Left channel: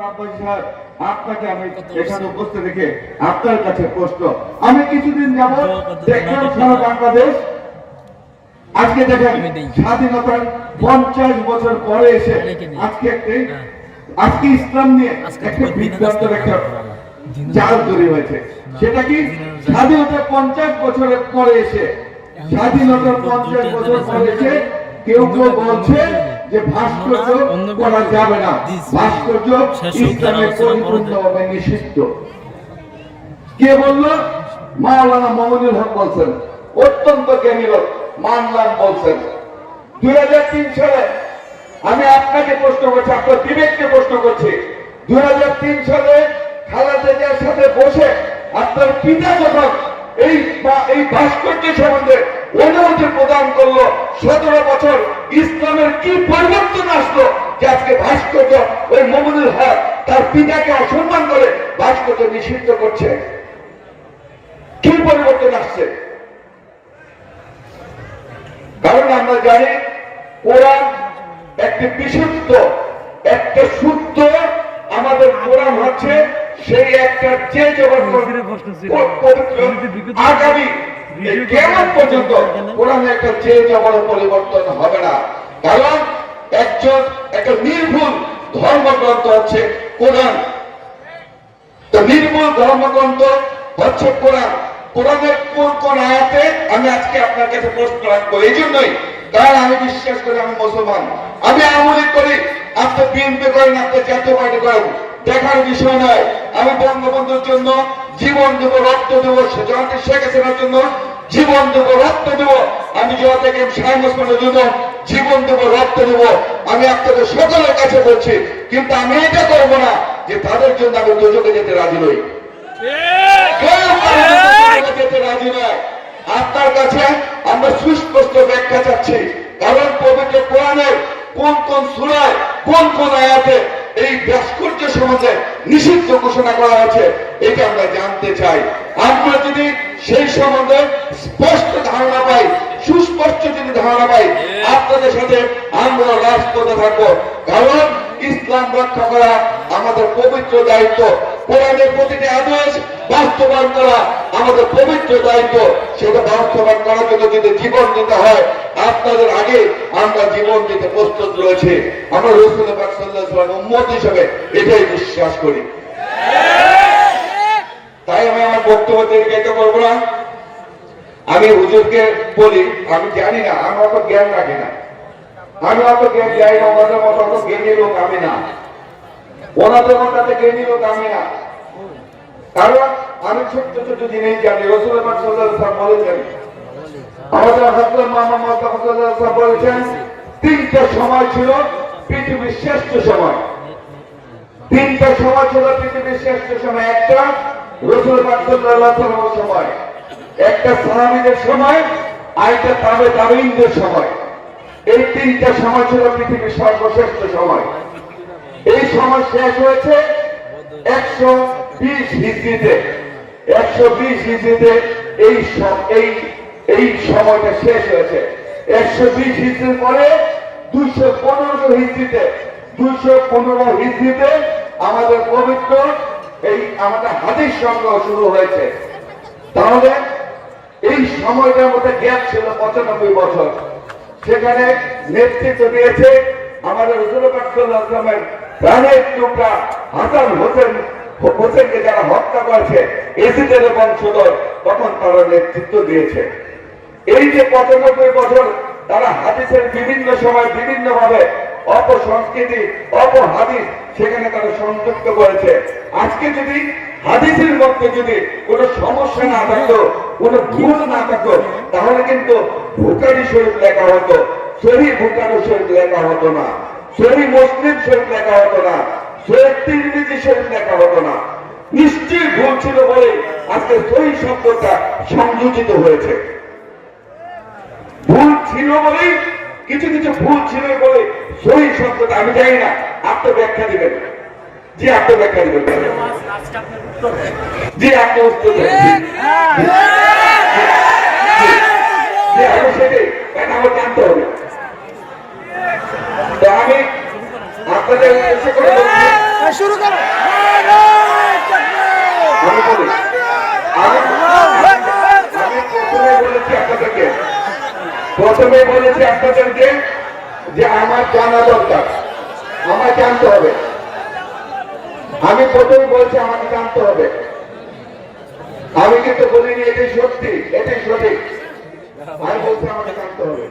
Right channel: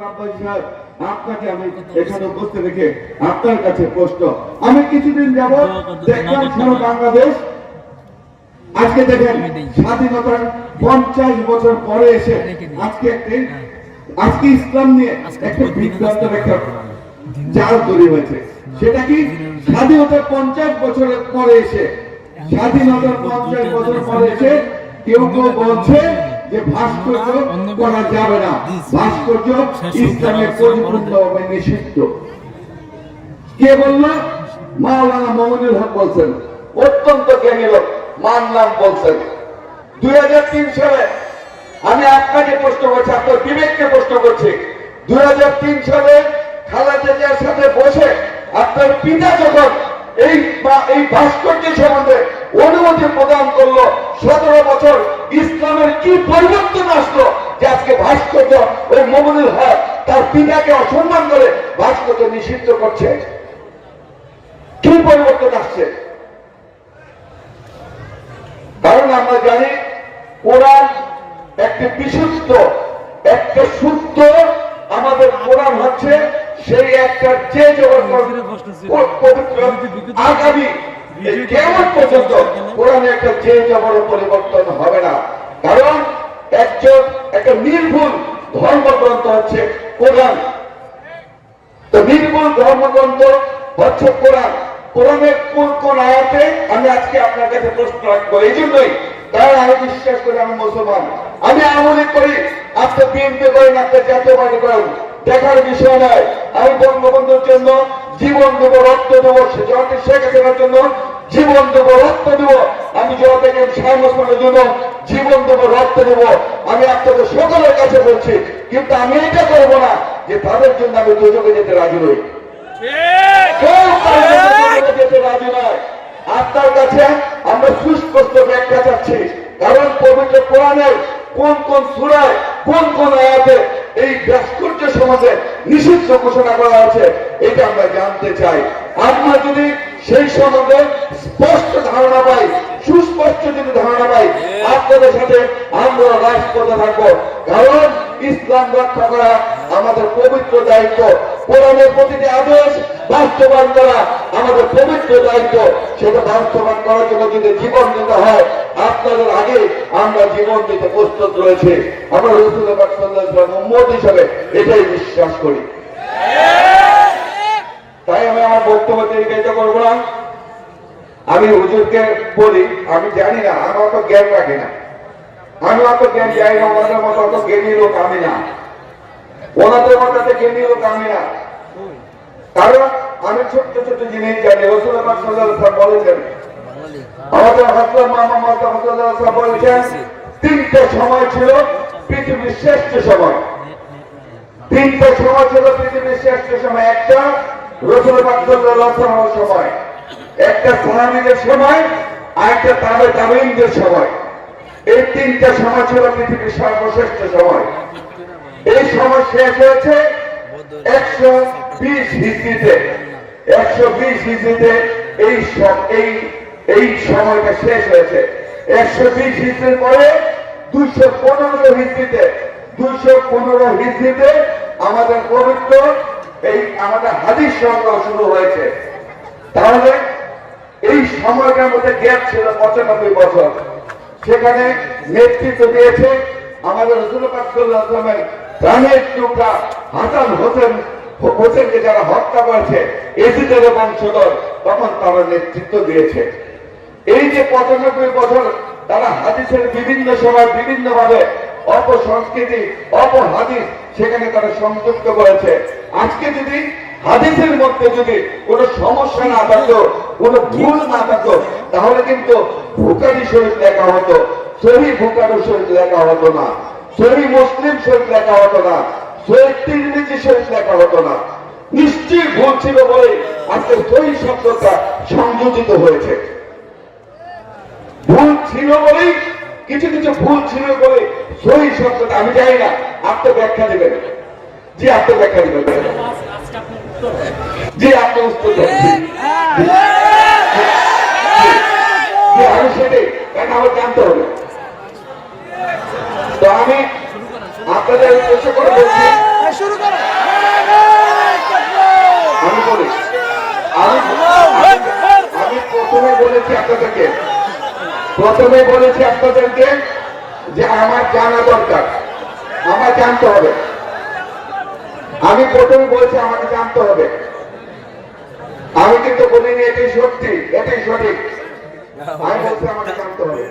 আপনাকে আমি এখানে উপস্থিত রেখে আপনার কাছে প্রশ্ন। আমি কিছুদিন যাব দেখলাম সারা বাংলাদেশ। আজকে দেখেন স্বাধীনতার পঞ্চাশ বছর পরে এসে আজকে আজকে ইসলাম নিয়ে একটা বিভ্রান্তের একটা জাল তৈরি হয়েছে। সেটা কি? স্বাধীনতার পঞ্চাশ বছরের পরে এসে স্বাধীনতার পঞ্চাশ বছর পরে এসে কেউ কেউ বলছে যে ভাস্কর্য করা যাবে না। ভাস্কর্য ইসলামের পরিপূর্ণভাবে নিষিদ্ধ। কে বলল? মাওলানা মমনুল হক বলছেন। অত্যন্ত জ্ঞানী লোক মানলাম বলছেন। দুই হাজার তিন সালে আমি আপনাকে প্রশ্ন করছি আপনার বিবেককে প্রশ্ন করছি। দুই হাজার তিন সালে খালাদা জিয়ার সাথে বসে আপনার পিতা যখন এই এই ভাস্কর্য সম্বন্ধে অনুমতি প্রদান করল। সতেরো বছর ইসলামের কি পরিবর্তন আসলো যে আজকে ভাস্কর্য ওই মমনুল হক তার পিতাকে অসম্মান করে ভাস্কর্য নিষিদ্ধ করছে? কি পরিবর্তন আসছে? কারণ আমরা জানি কোরআন একটি বিশুদ্ধ একটা শুদ্ধ আমাদের কোরআন হচ্ছে সেই একটা যে আগামী এই কেমন পর্যন্ত কোরআনে একটা যে জবর পরিবর্তন হবে না। কারণ একজন একটা নির্ভুল ধর্মগ্রন্থ হচ্ছে কোরআন। তো নির্মূল ধর্মগ্রন্থ হচ্ছে কোরআন। কোরআনের কোন কোন আয়াতে আমি আজকে আপনার কাছে প্রশ্ন রাখব এই জন্যই। কারণ আমি বিশ্বাস করি আমি মুসলমান। আমি আমলি করি আপনি বিএনপি করেন আপনি জাতীয় পার্টি করেন। দেখার বিষয় নয়। আমি বঙ্গবন্ধুর জন্য জীবন দেব রক্ত দেবো শেখ হাসিনার জন্য জীবন দেব রক্ত দেব। আমি জন্য জীবন দেব রক্ত দেব। আমি আপনাদের সকলের কাছে বলছি কিন্তু আমি এটা করব না যে তাদের জন্য আমি দুজকে যেতে রাজি নই। যেতে রাজি নয়? আপনার কাছে আমরা সুস্পষ্ট ব্যাখ্যা চাচ্ছি কারণ পবিত্র কোরআনের কোন কোন সুরায় কোন কোন আয়াতে এই ভাস্কর্য সমাজে নিষিদ্ধ ঘোষণা করা হয়েছে এটা আমরা জানতে চাই। আমরা যদি সেই সম্বন্ধে স্পষ্ট ধারণা পাই সুস্পষ্ট যদি ধারণা পাই আপনাদের সাথে আমরা রাজপথে থাকব। কারণ ইসলাম রক্ষা করা আমাদের পবিত্র দায়িত্ব। কোরআনের প্রতিটি আদেশ বাস্তবায়ন করা আমাদের পবিত্র দায়িত্ব। সেটা বাস্তবায়ন করার জন্য যদি জীবন দিতে হয় আপনাদের আগে আমরা জীবন দিতে প্রস্তুত রয়েছে। আমরা রসুল উম্মত হিসেবে এটাই বিশ্বাস করি। তাই আমি আমার বক্তব্য দীর্ঘায়িত করব না। আমি হুজুরকে বলি, আমি জানি না, আমি অত জ্ঞান রাখি না। আমি অত জ্ঞান যাই না ওনাদের মতো, অত জ্ঞানী লোক আমি না। ওনাদের মতো অত জ্ঞানী লোক আমি না। কারণ আমি ছোট্ট ছোট্ট জিনিস জানি রসুল বলেছেন, আমাদের হাসলাম মোহাম্মদ হাসলাম বলেছেন, তিনটে সময় ছিল পৃথিবীর শ্রেষ্ঠ সময়। তিনটে সময় ছিল পৃথিবীর শ্রেষ্ঠ সময়, একটা রসুল বাকসাল্লাহ সময়। একটা সময় তাবে সময়। এই তিনটা সময় ছিল পৃথিবীর সর্বশ্রেষ্ঠ সময়। এই সময় শেষ হয়েছে একশো বিশ হিস্ট্রিতে একশো বিশ এই এই এই সময়টা শেষ হয়েছে। একশো বিশ হিস্ট্রির পরে দুশো পনেরো হিস্ট্রিতে দুশো পনেরো হিস্ট্রিতে আমাদের পবিত্র এই আমাদের হাদিস সংগ্রহ শুরু হয়েছে। তাহলে এই সময়টার মধ্যে গ্যাপ ছিল পঁচানব্বই বছর। সেখানে নেতৃত্ব দিয়েছে আমাদের আসলামের প্রাণের টুকরা হাসান হোসেন, হোসেনকে যারা হত্যা করেছে এসিদের বংশধর তখন তারা নেতৃত্ব দিয়েছে। এই যে পঁচানব্বই বছর তারা হাদিসের বিভিন্ন সময় বিভিন্ন ভাবে অপসংস্কৃতি সেখানে তারা সংযুক্ত করেছে আজকে যদি হাদিসের মধ্যে যদি কোনো সমস্যা না কোনো ভুল না তাহলে কিন্তু ভুকারি লেখা হতো লেখা হতো না মুসলিম লেখা হতো না তিরমিজি লেখা হতো না। নিশ্চয়ই ভুল ছিল বলে আজকে সহি শব্দটা সংযোজিত হয়েছে। ভুল ছিল বলে কিছু কিছু ভুল ছিল বলে সহি শব্দটা আমি জানি না। আত্মব্যাখ্যা দিবেন। জি, আত্মব্যাখ্যা দিবেন। আপনার উত্তর আমি সেটাই। কেন আমার জানতে হবে। তো আমি আপনাদের উদ্দেশ্য করে বলছি। আমি বলি আমি প্রথমে বলেছি আপনাদেরকে প্রথমে বলেছি আপনাদেরকে যে আমার জানা দরকার আমার জানতে হবে। আমি প্রথমে বলছি আমাকে জানতে হবে। আমি কিন্তু বলিনি এটাই সত্যি এটাই সঠিক। আমি বলছি আমাকে জানতে হবে।